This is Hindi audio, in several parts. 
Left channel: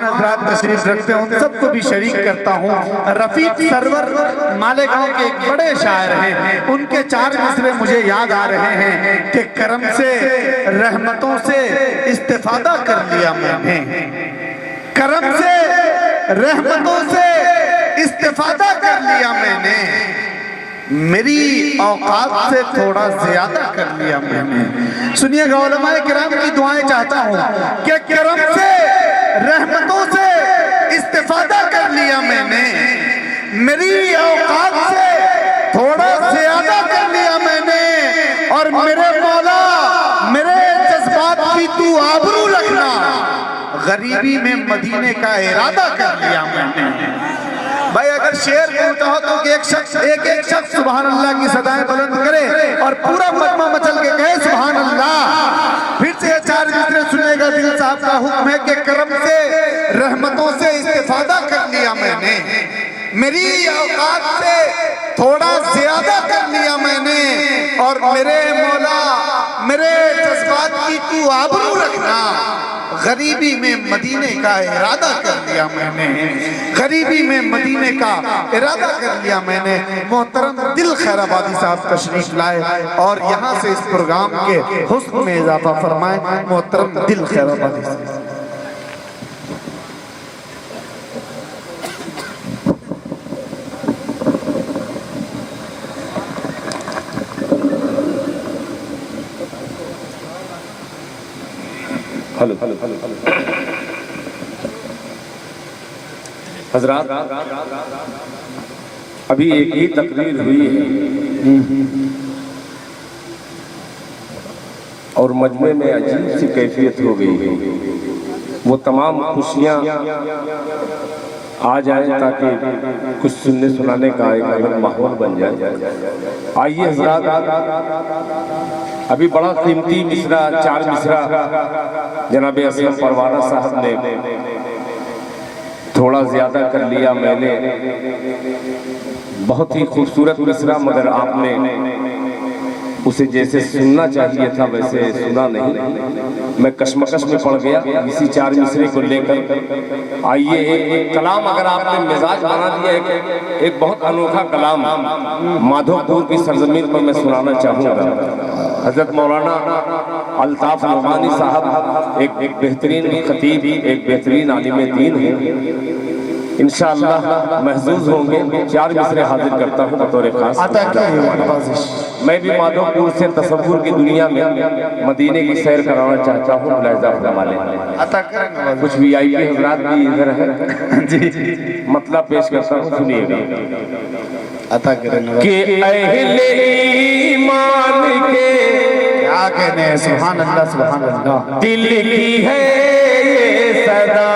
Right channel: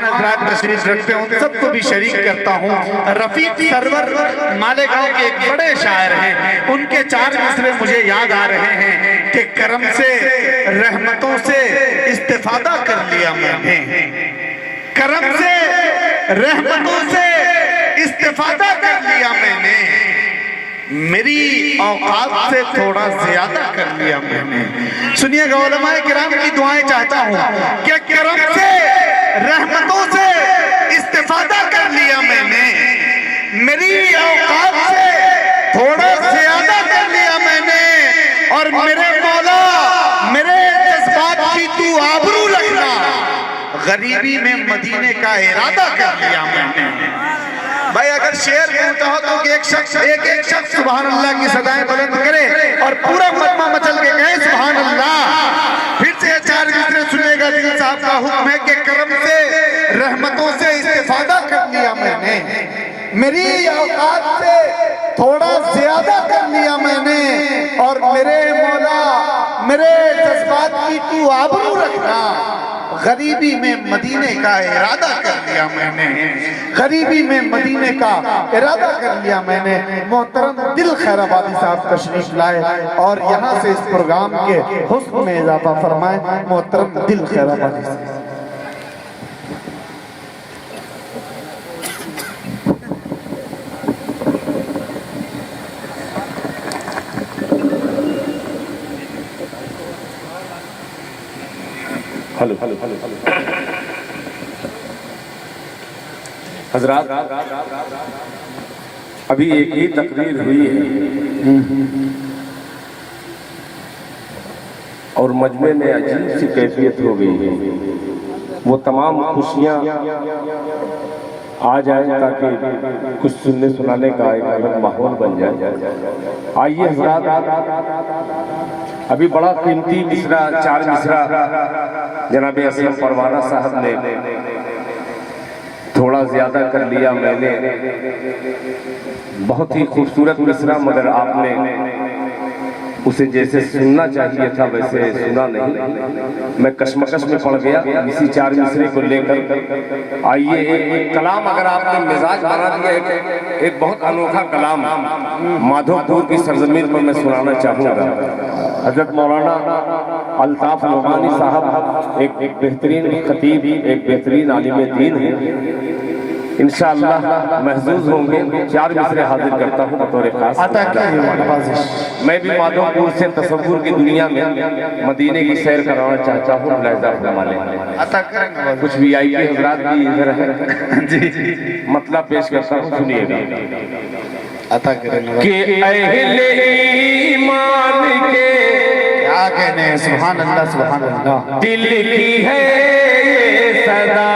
मेहमान हजरात तशरीफ रखते हैं, उन सबको भी शरीक करता हूँ। रफीक सरवर मालेगांव के एक बड़े शायर हैं, उनके 4 मिसरे मुझे याद आ रहे हैं कि करम से रहमतों से इस्तेफादा कर लिया मैंने, करम से रहमतों से इस्तेफादा कर लिया मैंने, मेरी औकात से थोड़ा ज्यादा कर लिया मैंने। सुनिएगा, उलमाए किराम की दुआएं चाहता हूं कि करम से रहमतों से इस्तेफादा कर लिया मैंने, मेरी औकात से थोड़ा ज्यादा कर लिया मैंने, और मेरे मौला मेरे जज्बात की तू आबरू रखना, गरीबी में मदीने का इरादा कर लिया मैंने। भाई अगर शेर बोलता हो तो एक शख्स सुभान अल्लाह की सदाएं बुलंद करे और पूरा मजमा मचल के कहे सुभान अल्लाह। फिर से 4 मिसरे सुनेगा। दिल साहब का हुक्म है कि करम से रहमतों से इस्तेफादा कर लिया मैंने, मेरी औकात से थोड़ा ज्यादा कर लिया मैंने, और मेरे मौला मेरे जज्बात की तू आबरू रखना, गरीबी में मदीने का इरादा कर लिया मैंने, गरीबी में मदीने का इरादा कर लिया मैंने। मोहतरम दिल खैराबादी साहब तशरीफ लाए और यहाँ से इस प्रोग्राम के हुस्न में इजाफा फरमाए। मोहतरम दिल खैराबादी साहब। हेलो हजरात, अभी एक ही तकरीर हुई है और मजमे में अजीब सी कैफियत हो गई है। वो तमाम खुशियाँ आ जाए ताकि कुछ सुनने सुनाने का एक अलग माहौल बन जाए। आइए हजरात, अभी बड़ा कीमती मिसरा 4 मिसरा जनाब असलम परवाना साहब ने थोड़ा ज्यादा कर लिया मैंने, बहुत ही खूबसूरत मिसरा, मगर आपने उसे जैसे सुनना चाहिए था वैसे सुना नहीं। मैं कश्मकश में पड़ गया इसी 4 मिसरे को लेकर। आइए एक कलाम अगर आपने मिजाज बना दिया, एक बहुत अनोखा कलाम माधोपुर की सरजमीन पर मैं सुनाना चाहूँगा। हजरत मौलाना अल्ताफ नौमानी साहब एक बेहतरीन खतीब, एक बेहतरीन आलिम दीन है। इंशाअल्लाह महजूज होंगे। 4 मिसरे हाजिर करता हूँ बतौर खास। मैं भी माधोपुर से तसव्वुर की दुनिया में मदीने की सैर कराना चाहता हूँ। कुछ VIP हजरात भी इधर है जी, मतलब पेश करता हूँ, सुनिएगा। कि अहले ईमान के क्या कहने, सुभान अल्लाह सुभान अल्लाह, दिल की है ये सदा,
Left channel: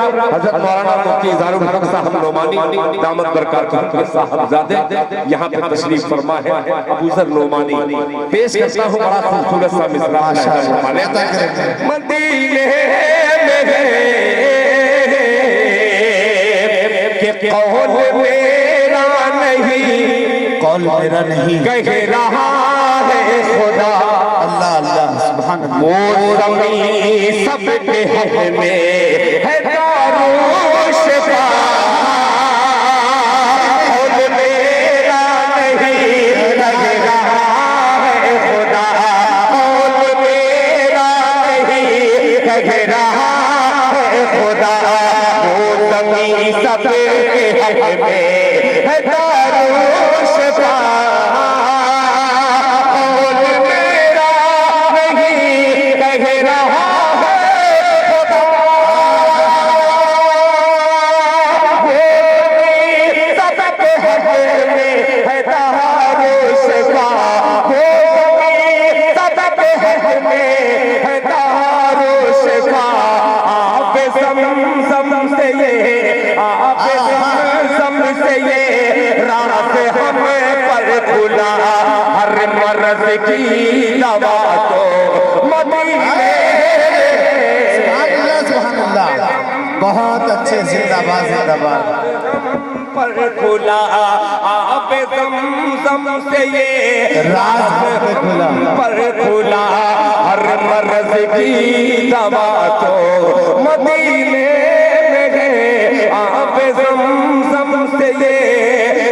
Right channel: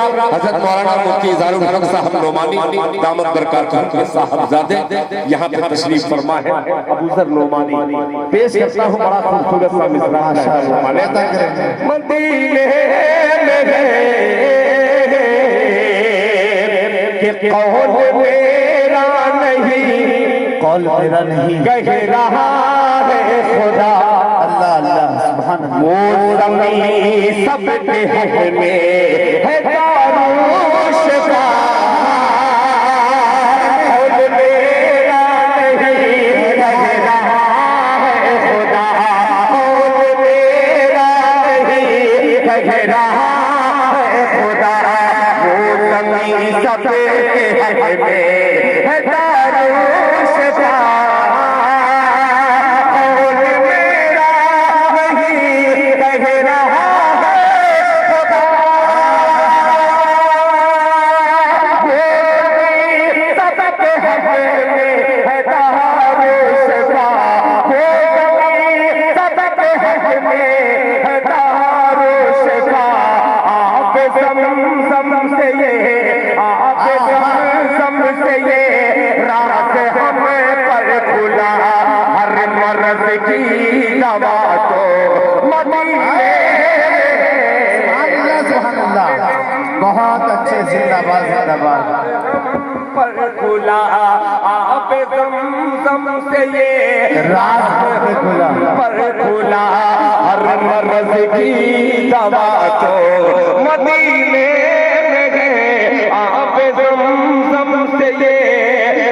हजरत मौलाना मुफ्ती इज़ारुल हक साहब नोमानी दामत बरकातहू के साहबजादे यहाँ पे तशरीफ फरमा है। अबू ज़र नोमानी पेश करता हूँ बड़ा खूबसूरत सा मिसरा मदीने में के कौन मेरा नहीं, कौल मेरा नहीं कह रहा है खुदा। अल्लाह अल्लाह सुभान अल्लाह। मोरमी सब पे में है दारूश का, कौन मेरा नहीं, कह रहा है खुदा। कौन मेरा नहीं, कह रहा है खुदा। मोरमी सब पे में है दारूश का, कौन मेरा नहीं, कह रहा है खुदा। सबके हक में है दारूश का, सबके हक में है दारूश का। आप ज़मज़म से ये, आप ज़मज़म से ये रात हम पर खुला। हर मर्द की दवा तो मदीने सुभान अल्लाह। बहुत अच्छे, जिंदाबाद जिंदाबाद। पर खुला। आप ज़मज़म से ये राज पे खुला। पर खुला। हर मर्द की दवा तो मदीने में गए। आप ज़मज़म से ये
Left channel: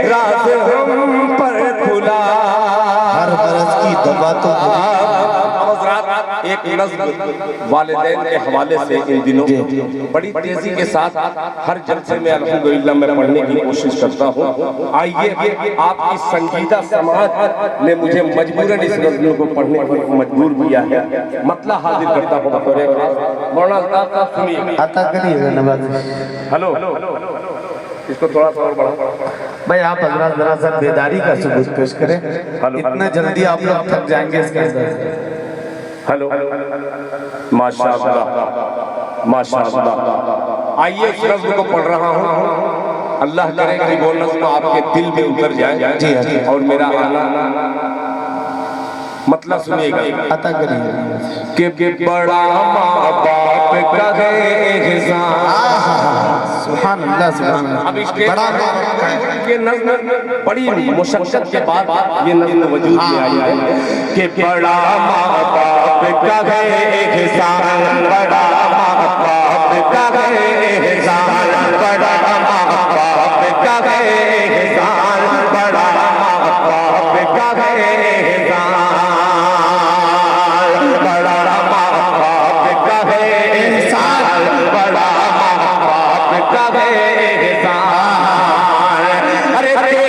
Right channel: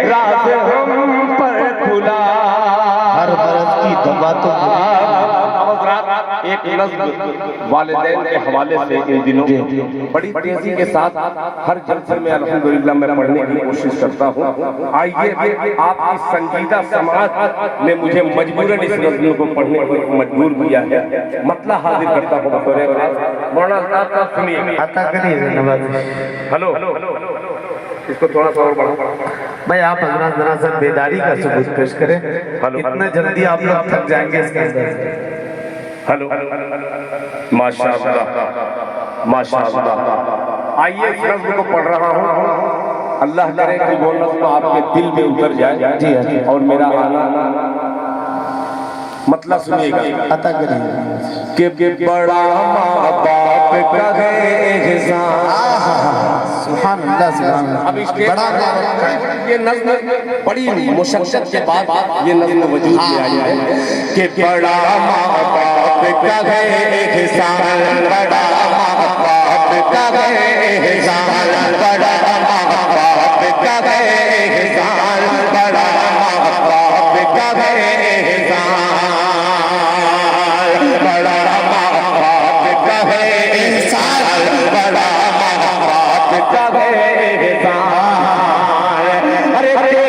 राज हम पर खुला। हर बरस की दवा तो एक नज़्म वालिदैन के हवाले से इन दिनों बड़ी तेजी के साथ हर जलसे में अल्हम्दुलिल्लाह मैं पढ़ने की कोशिश करता हूँ। आइए आपकी संजीदा समाज ने मुझे मजबूरन इस नज़्म को पढ़ने को मजबूर किया है। मतला हाजिर करता हूँ बतौर मौलाना साहब सुनिए। आता करिए नवाज़। हेलो, इसको थोड़ा सा और बढ़ाओ भाई आप हजरत जरा सा बेदारी का सबूत पेश करें। इतना जल्दी आप लोग थक जाएंगे इसका अंदाज़। हेलो, माशाअल्लाह माशाअल्लाह। आइए इस नज़्म को पढ़ रहा हूँ। अल्लाह करे कि वो नज़्म आपके दिल में उतर जाए जी जी। और मेरा आना मतलब सुनिएगा। आता करिए कि बड़ा माँ बाप का है एहसान। सुभान अल्लाह सुभान अल्लाह। अब इसके ये नज़्म बड़ी मुशक्क़त के बाद ये नज़्म वजूद में आई है कि बड़ा माँ बाप का है एहसान, बड़ा माँ बाप का है एहसान, बड़ा माँ बाप का है एहसान, बड़ा माँ बाप का है एहसान, बड़ा माँ बाप का है एहसान, बड़ा माँ बाप का है एहसान। अरे तेरे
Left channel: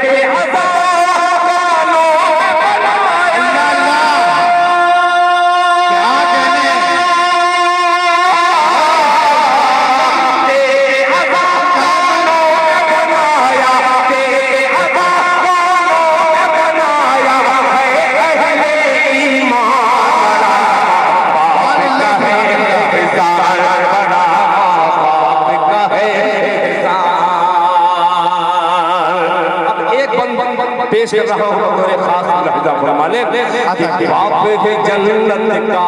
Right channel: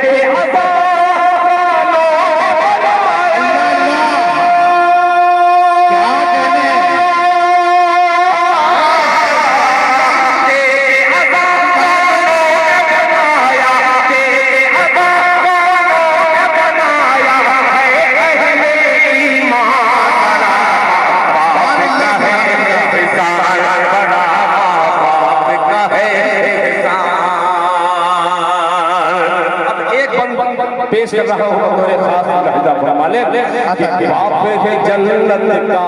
पेश कर रहा हूँ बतौर खास लहजा फरमाने बाप है जन्नत का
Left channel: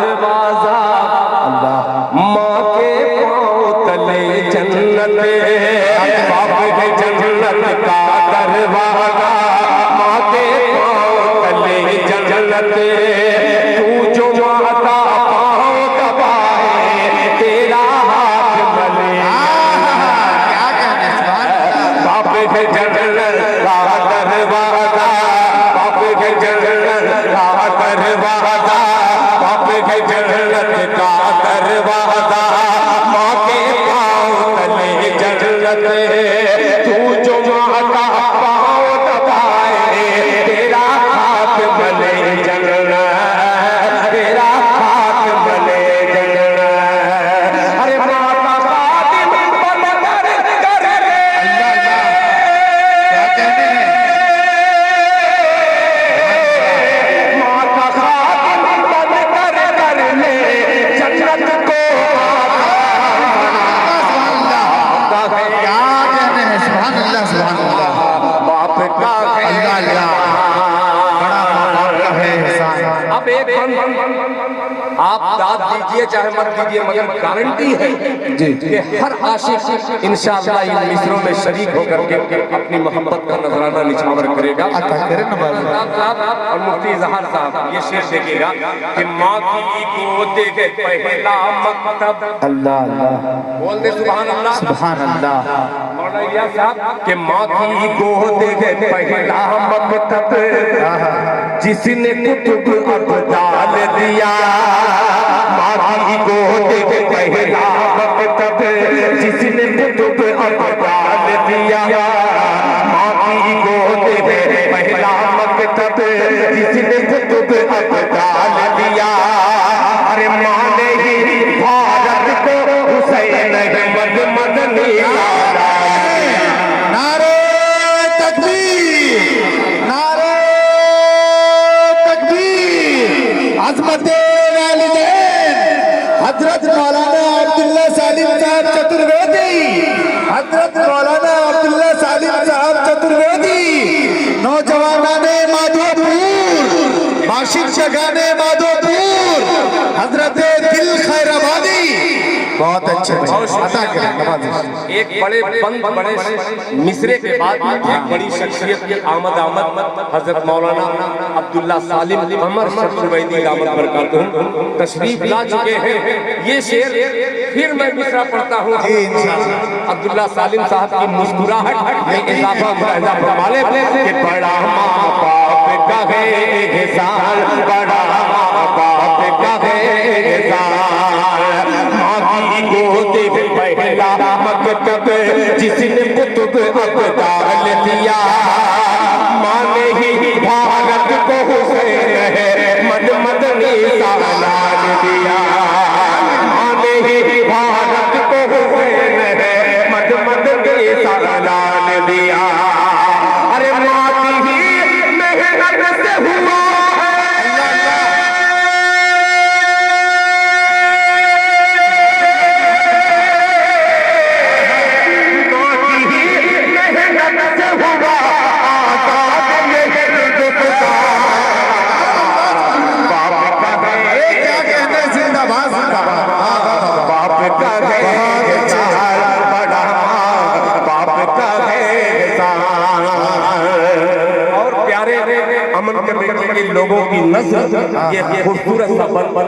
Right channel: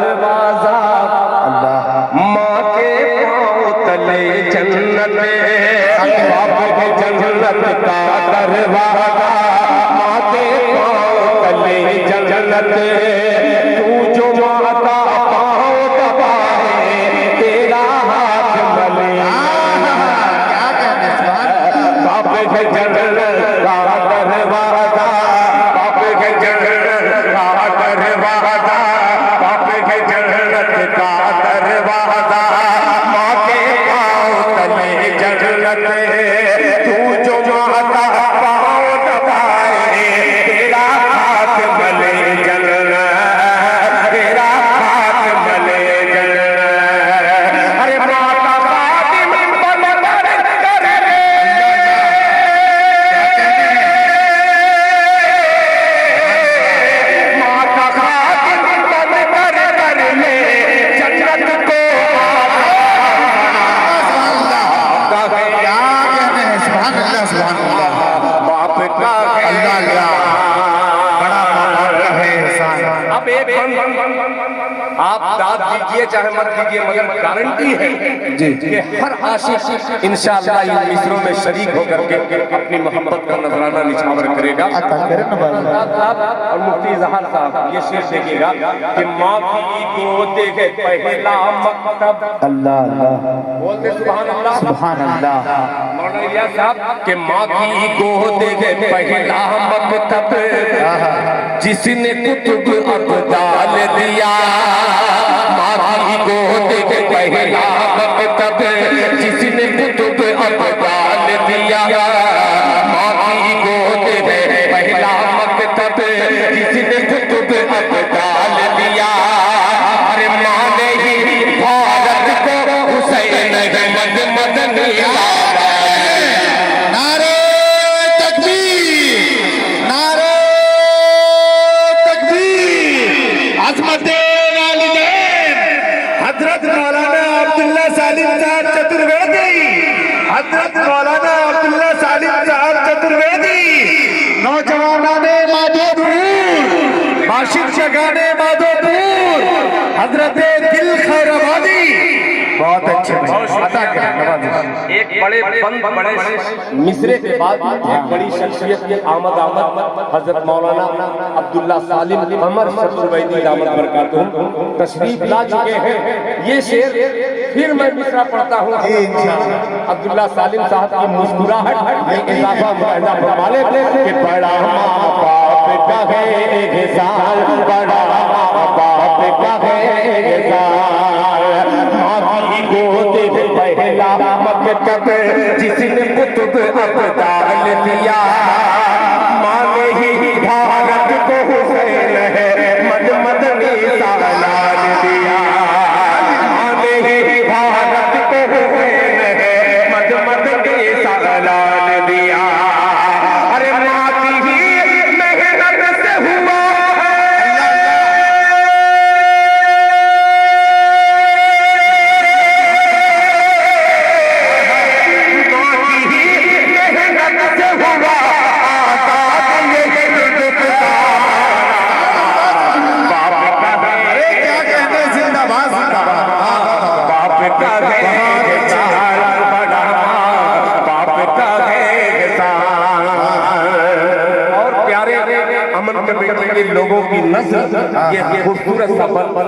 दरवाजा, माँ के पाँव तले जन्नत। बाप है जन्नत का दरवाजा, माँ के पाँव तले जन्नत। तू जो माता पाँव दबाए तेरा हाथ मले। बाप है जन्नत का दरवाजा, बाप के जन्नत का दरवाजा, बाप के जन्नत का दरवाजा, माँ के पाँव तले जन्नत। तू जो माता पाँव दबाए तेरा हाथ मले जन्नत, तेरा हाथ मले जन्नत। अरे माता खातिम बन कर जन्नत को दीजिए चाहे मत दीजिए, मगर गारंटी है कि हर आशिक इंशाअल्लाह इन मिसरों में शरीक होकर के अपनी मोहब्बत का नजराना निछावर करेगा। और मुफ्ती इजहार साहब ये शेर देखिएगा कि माँ की गोद के पहला मकतब, अल्लाह अल्लाह, बोल दे सुभान अल्लाह, सुभान अल्लाह। मौलाना साहब कि माँ की गोद के पहला मकतब जिसने कुतुब अब्दाल दिया, माँ की गोद के पहला मकतब जिसने कुतुब अब्दाल दिया, माँ की गोद के पहला मकतब जिसने कुतुब अब्दाल दिया। अरे माँ ने ही भारत को हुसैन अहमद मदनी हजरत मौलाना अब्दुल्ला सालिम साहब चतुर्वेदी, हजरत मौलाना अब्दुल्ला सालिम साहब चतुर्वेदी, नौजवानाने माधोपुर, माशिक जगाने माधोपुर, हजरत दिल खैराबादी। बहुत अच्छे एक बड़े बड़े मिसरे के बाद एक बड़ी शख्सियत की आमद हजरत मौलाना अब्दुल्ला सालिम कमर चतुर्वेदी दामद बरकातुहू तशरीफ ला चुके हैं। ये शेर फिर मैं मिसरा पढ़ता हूँ अब्दुल्ला सालिम साहब की मुस्कुराहट में इजाफा मुलाहिजा फरमा ले कि बड़ा माँ बाप का है एहसान, बड़ा माँ बाप का है एहसान, माँ की गोद में पहला मकतब जिसने कुतुब अब्दाल दिया, माँ ने ही भारत को हुसैन अहमद मदनी सालान दिया, माँ ने ही भारत को हुसैन अहमद मदनी सालान दिया। अरे माँ की ही मेहनत से हुआ लोगों की नस्ल ये खूबसूरत सा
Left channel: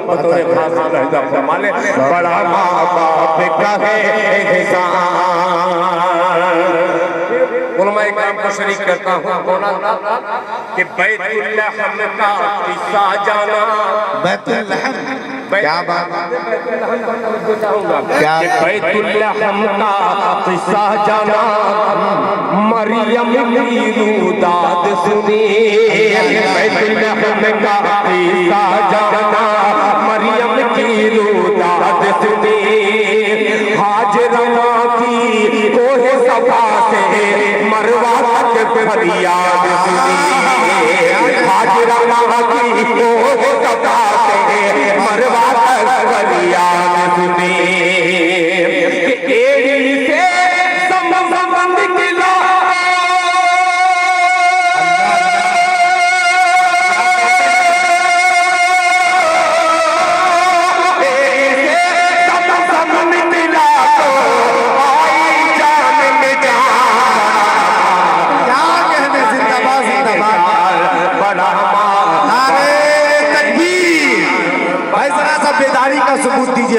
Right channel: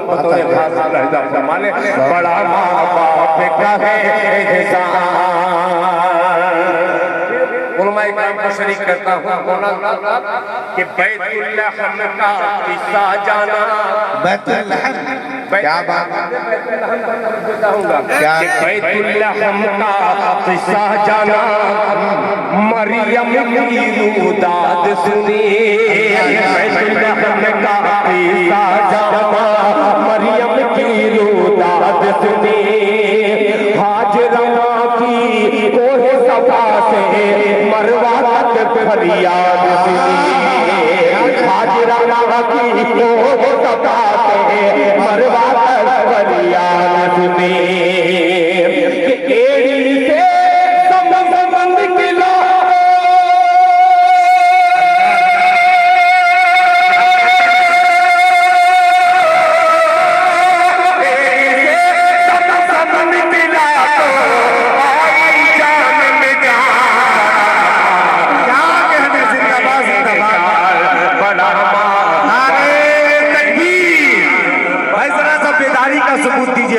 बतौर खास लहजा फरमाने बड़ा माँ बाप का है एहसान। उलमाए किराम को शरीक करता हूँ कि बैतुल्लहम का किस्सा जाना, बैतुल्लहम क्या बात बैतुल्लहम का किस्सा जाना, मरियम की रूदाद सुनी, बैतुल्लहम का किस्सा जाना, मरियम की रूदाद सुनी, हाजरा की कोहे सफा से मरवा तक फरियाद सुनी, हाजरा की कोहे सफा से मरवा तक फरियाद सुनी, एड़ी से संबंध किला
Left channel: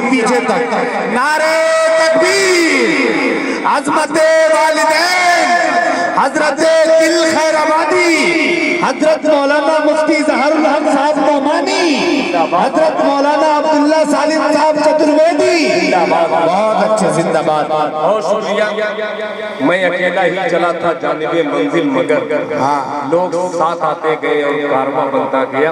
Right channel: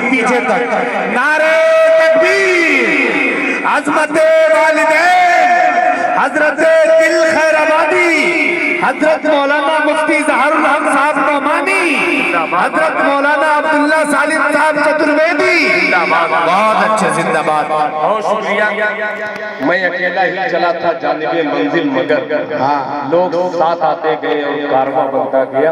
पीछे तक नारे तकबीर, अज़मते वालिदैन, हजरत दिल खैराबादी, हजरत मौलाना मुफ्ती ज़हारुल हक साहब नौमानी, हजरत मौलाना अब्दुल्ला सालिम साहब चतुर्वेदी, बहुत अच्छे, जिंदाबाद। बहुत शुक्रिया। मैं अकेला ही चला था जानिबे मंजिल, मगर लोग साथ आते गए और कारवां बनता गया।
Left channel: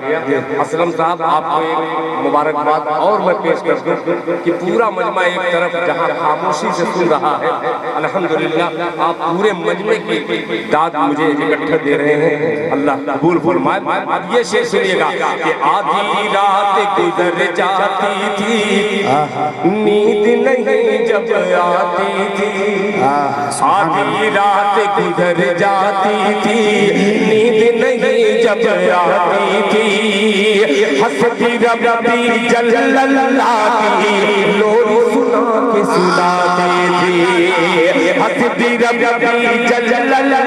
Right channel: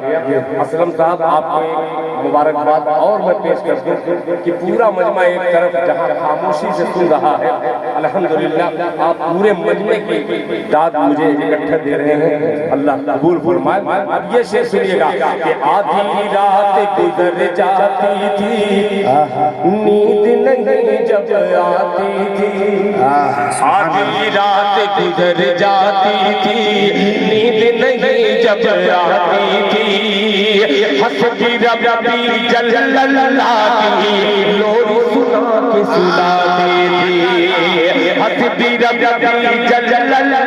असलम साहब आपको एक मुबारकबाद और मैं पेश कर दूं कि पूरा मजमा एक तरफ जहां खामोशी से सुन रहा है, अल्हम्दुलिल्लाह आप पूरे मजमे की दाद मुझे इकट्ठा दे रहे हैं, अल्लाह कबूल फरमाए। अब ये शेर सुनिएगा कि आधी रात गुजर जाती थी, नींद नहीं जब आती थी, आधी रात गुजर जाती थी, नींद नहीं जब आती थी, हंसती रबती जल्ला की रब्बी जल्लल्लाहु